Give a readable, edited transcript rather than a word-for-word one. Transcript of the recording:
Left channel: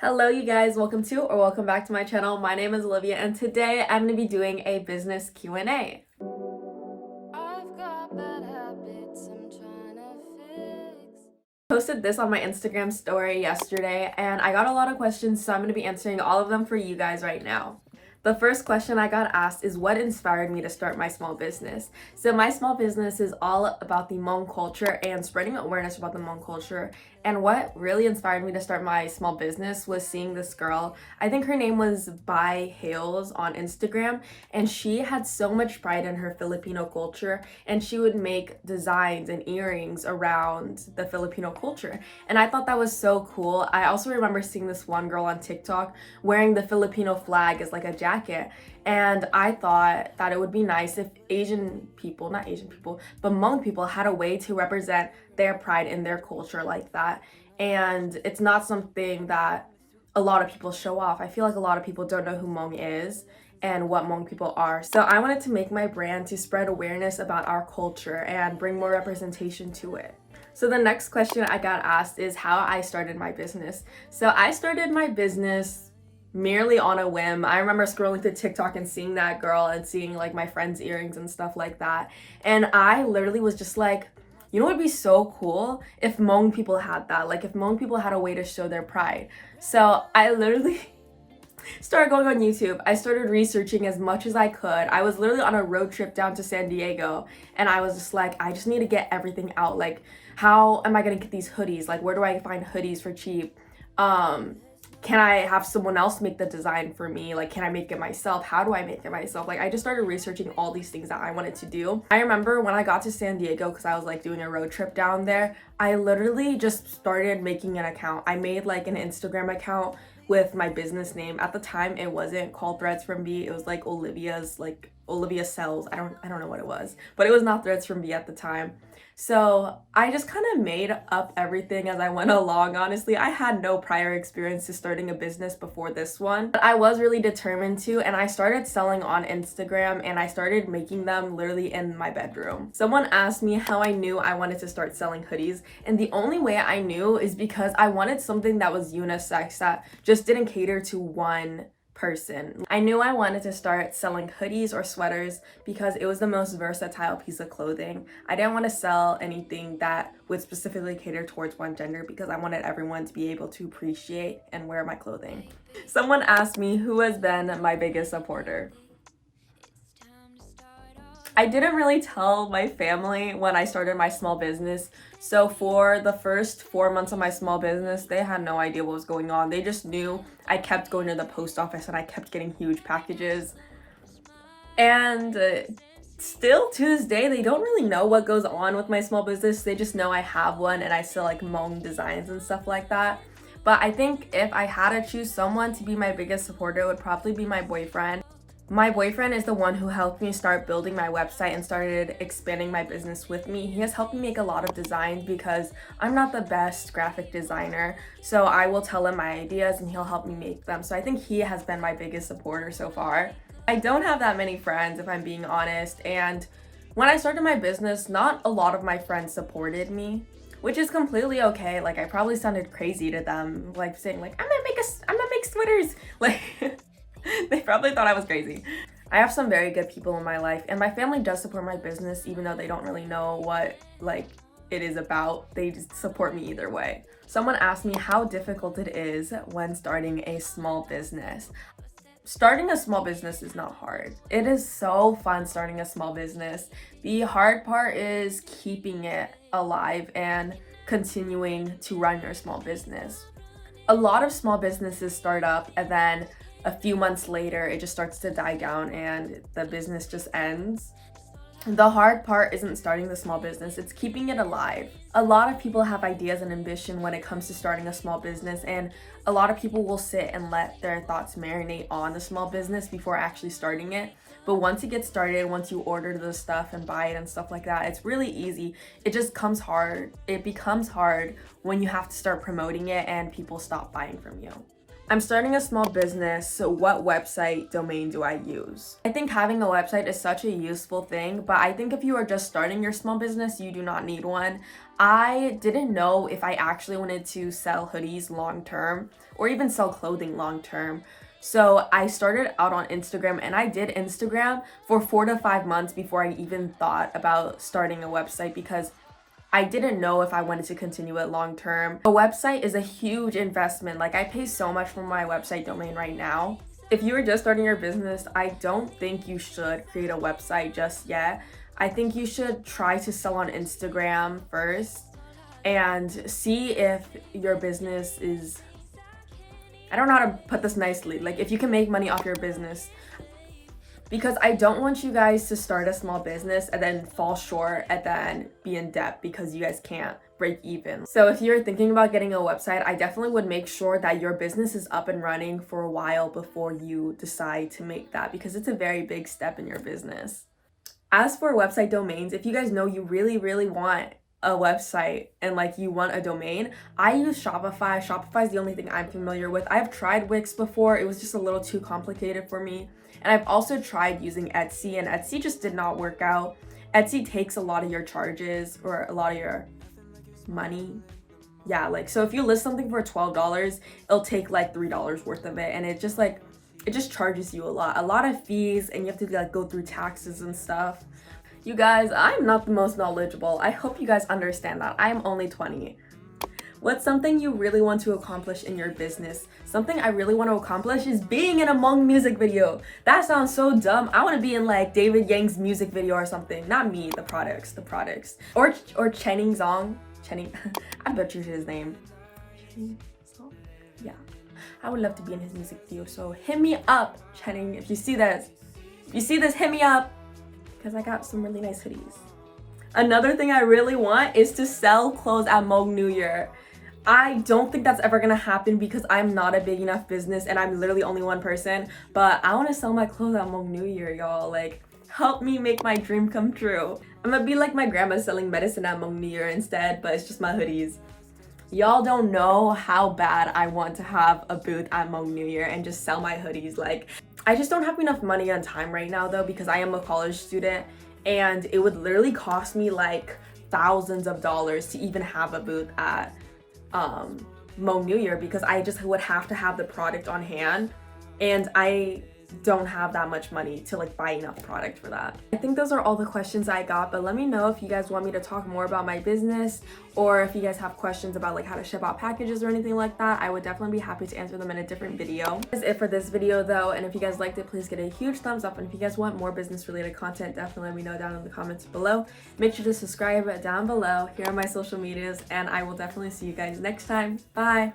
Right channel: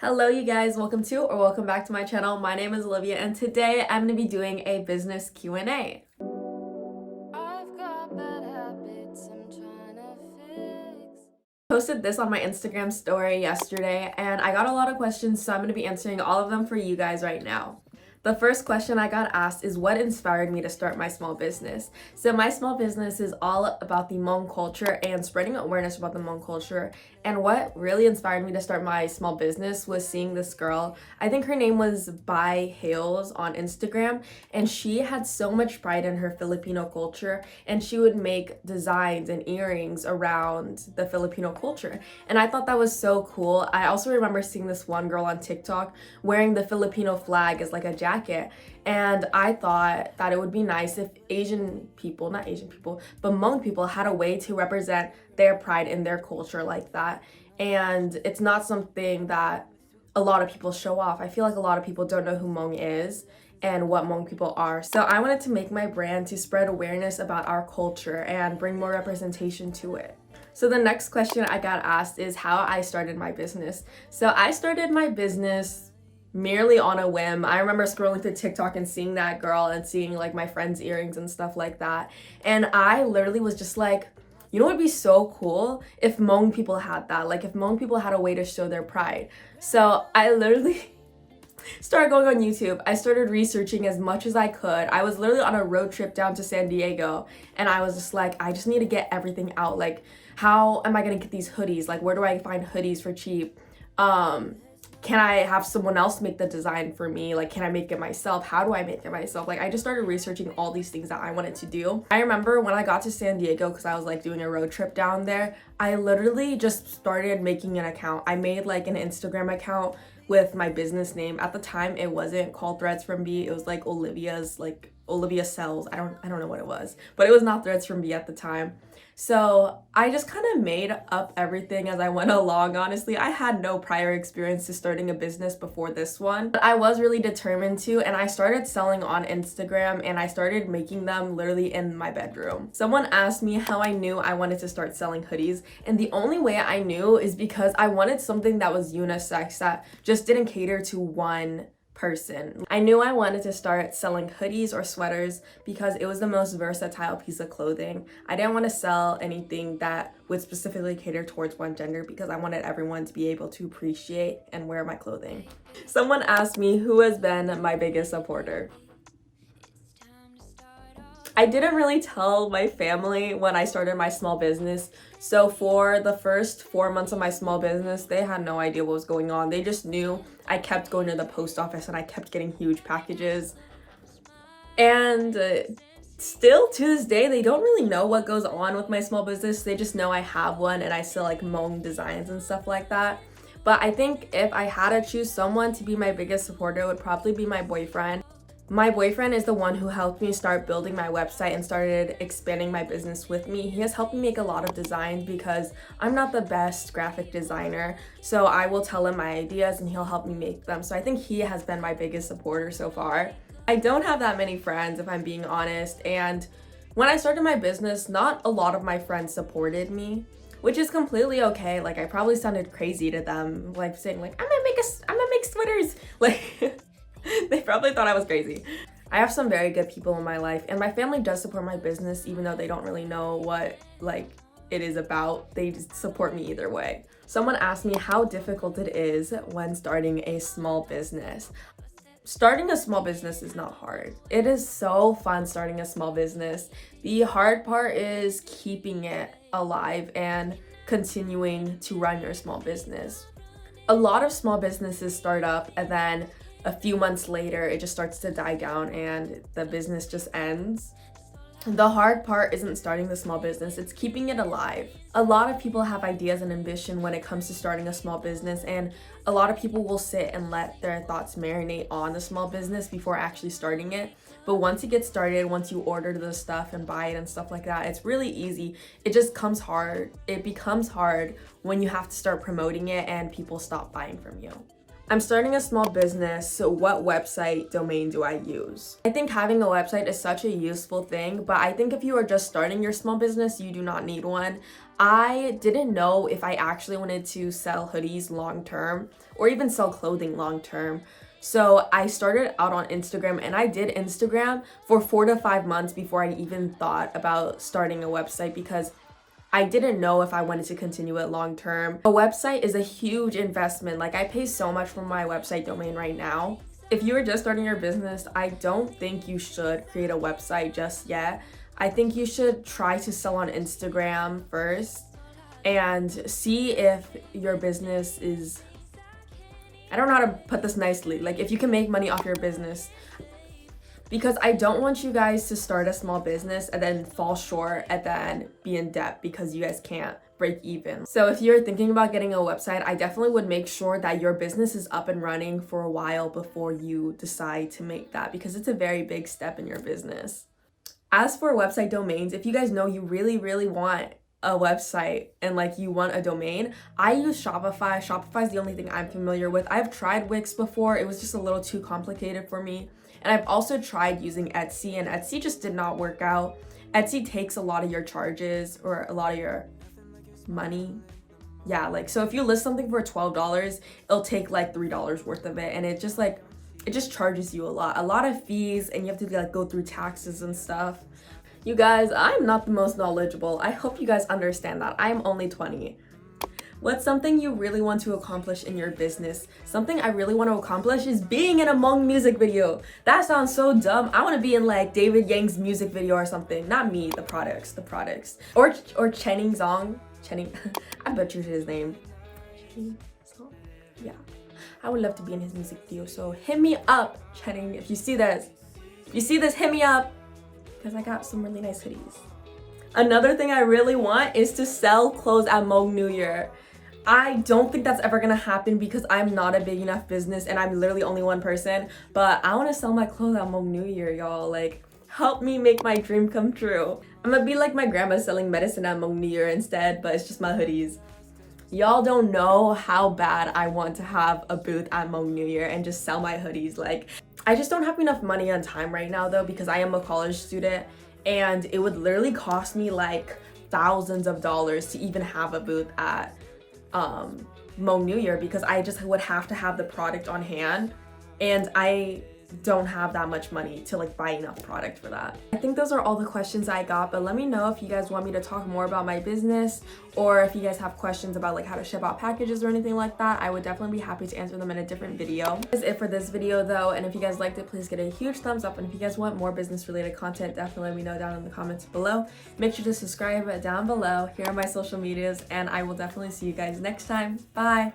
Hello you guys, welcome back to my channel. My name is Olivia and today I'm going to be doing a business Q&A. I've got bad habits I'm trying to fix. Posted this on my Instagram story yesterday and I got a lot of questions, so I'm going to be answering all of them for you guys right now. The first question I got asked is what inspired me to start my small business. So my small business is all about the Hmong culture and spreading awareness about the Hmong culture. And what really inspired me to start my small business was seeing this girl. I think her name was Bai Hales on Instagram, and she had so much pride in her Filipino culture, and she would make designs and earrings around the Filipino culture. And I thought that was so cool. I also remember seeing this one girl on TikTok wearing the Filipino flag as like a jacket, and I thought that it would be nice if not Asian people, but Hmong people had a way to represent their pride in their culture like that. And it's not something that a lot of people show off. I feel like a lot of people don't know who Hmong is and what Hmong people are. So I wanted to make my brand to spread awareness about our culture and bring more representation to it. So the next question I got asked is how I started my business. So I started my business merely on a whim. I remember scrolling through TikTok and seeing that girl and seeing like my friends' earrings and stuff like that. And I literally was just like, you know what would be so cool if Hmong people had that, like if Hmong people had a way to show their pride. So I literally started going on YouTube. I started researching as much as I could. I was literally on a road trip down to San Diego and I was just like, I just need to get everything out. Like, how am I gonna get these hoodies? Like, where do I find hoodies for cheap? Can I have someone else make the design for me? Like, can I make it myself? How do I make it myself? Like, I just started researching all these things that I wanted to do. I remember when I got to San Diego, because I was like doing a road trip down there, I literally just started making an account. I made like an Instagram account with my business name. At the time, it wasn't called Threads from B. It was like Olivia Sells. I don't know what it was, but it was not Threads from B at the time. So I just kind of made up everything as I went along. Honestly, I had no prior experience to starting a business before this one, but I was really determined to, and I started selling on Instagram and I started making them literally in my bedroom. Someone asked me how I knew I wanted to start selling hoodies, and the only way I knew is because I wanted something that was unisex, that just didn't cater to one person. I knew I wanted to start selling hoodies or sweaters because it was the most versatile piece of clothing. I didn't want to sell anything that would specifically cater towards one gender because I wanted everyone to be able to appreciate and wear my clothing. Someone asked me who has been my biggest supporter. I didn't really tell my family when I started my small business. So for the first 4 months of my small business, they had no idea what was going on. They just knew I kept going to the post office and I kept getting huge packages. And still to this day, they don't really know what goes on with my small business. They just know I have one and I sell like Hmong designs and stuff like that. But I think if I had to choose someone to be my biggest supporter, it would probably be my boyfriend. My boyfriend is the one who helped me start building my website and started expanding my business with me. He has helped me make a lot of designs because I'm not the best graphic designer. So I will tell him my ideas and he'll help me make them. So I think he has been my biggest supporter so far. I don't have that many friends, if I'm being honest. And when I started my business, not a lot of my friends supported me, which is completely okay. Like, I probably sounded crazy to them, like saying like, I'm gonna make sweaters. Like, they probably thought I was crazy. I have some very good people in my life, and my family does support my business even though they don't really know what like it is about. They just support me either way. Someone asked me how difficult it is when starting a small business. Starting a small business is not hard. It is so fun starting a small business. The hard part is keeping it alive and continuing to run your small business. A lot of small businesses start up and then a few months later it just starts to die down and the business just ends. The hard part isn't starting the small business, it's keeping it alive. A lot of people have ideas and ambition when it comes to starting a small business, and a lot of people will sit and let their thoughts marinate on the small business before actually starting it. But once it gets started, once you order the stuff and buy it and stuff like that, it's really easy. It just comes hard. It becomes hard when you have to start promoting it and people stop buying from you. I'm starting a small business, so what website domain do I use? I think having a website is such a useful thing, but I think if you are just starting your small business, you do not need one. I didn't know if I actually wanted to sell hoodies long term or even sell clothing long term. So I started out on Instagram, and I did Instagram for 4 to 5 months before I even thought about starting a website, because I didn't know if I wanted to continue it long term. A website is a huge investment. Like, I pay so much for my website domain right now. If you are just starting your business, I don't think you should create a website just yet. I think you should try to sell on Instagram first and see if your business is, I don't know how to put this nicely, like if you can make money off your business. Because I don't want you guys to start a small business and then fall short and then be in debt because you guys can't break even. So if you're thinking about getting a website, I definitely would make sure that your business is up and running for a while before you decide to make that, because it's a very big step in your business. As for website domains, if you guys know you really want a website and like you want a domain, I use Shopify. Shopify is the only thing I'm familiar with. I've tried Wix before. It was just a little too complicated for me. And I've also tried using Etsy, and Etsy just did not work out. Etsy takes a lot of your charges, or a lot of your money. Yeah, like, so if you list something for $12, it'll take like $3 worth of it, and it just charges you a lot of fees, and you have to like go through taxes and stuff. You guys, I'm not the most knowledgeable. I hope you guys understand that. I'm only 20. What's something you really want to accomplish in your business? Something I really want to accomplish is being in a Hmong music video. That sounds so dumb. I want to be in like David Yang's music video or something. Not me, the products. Or Chenning Xiong. I butchered his name. Yeah. I would love to be in his music video. So hit me up, Chenning. If you see this, hit me up, because I got some really nice hoodies. Another thing I really want is to sell clothes at Hmong New Year. I don't think that's ever gonna happen because I'm not a big enough business and I'm literally only one person, but I want to sell my clothes at Hmong New Year, y'all. Like, help me make my dream come true. I'm gonna be like my grandma selling medicine at Hmong New Year instead, but it's just my hoodies. Y'all don't know how bad I want to have a booth at Hmong New Year and just sell my hoodies. Like, I just don't have enough money and time right now though, because I am a college student, and it would literally cost me like thousands of dollars to even have a booth at Hmong New Year, because I just would have to have the product on hand, and I don't have that much money to like buy enough product for that. I think those are all the questions I got, but let me know if you guys want me to talk more about my business, or if you guys have questions about like how to ship out packages or anything like that. I would definitely be happy to answer them in a different video. That's it for this video though, and if you guys liked it, please get a huge thumbs up, and if you guys want more business related content, definitely let me know down in the comments below. Make sure to subscribe down below. Here are my social medias, and I will definitely see you guys next time. Bye!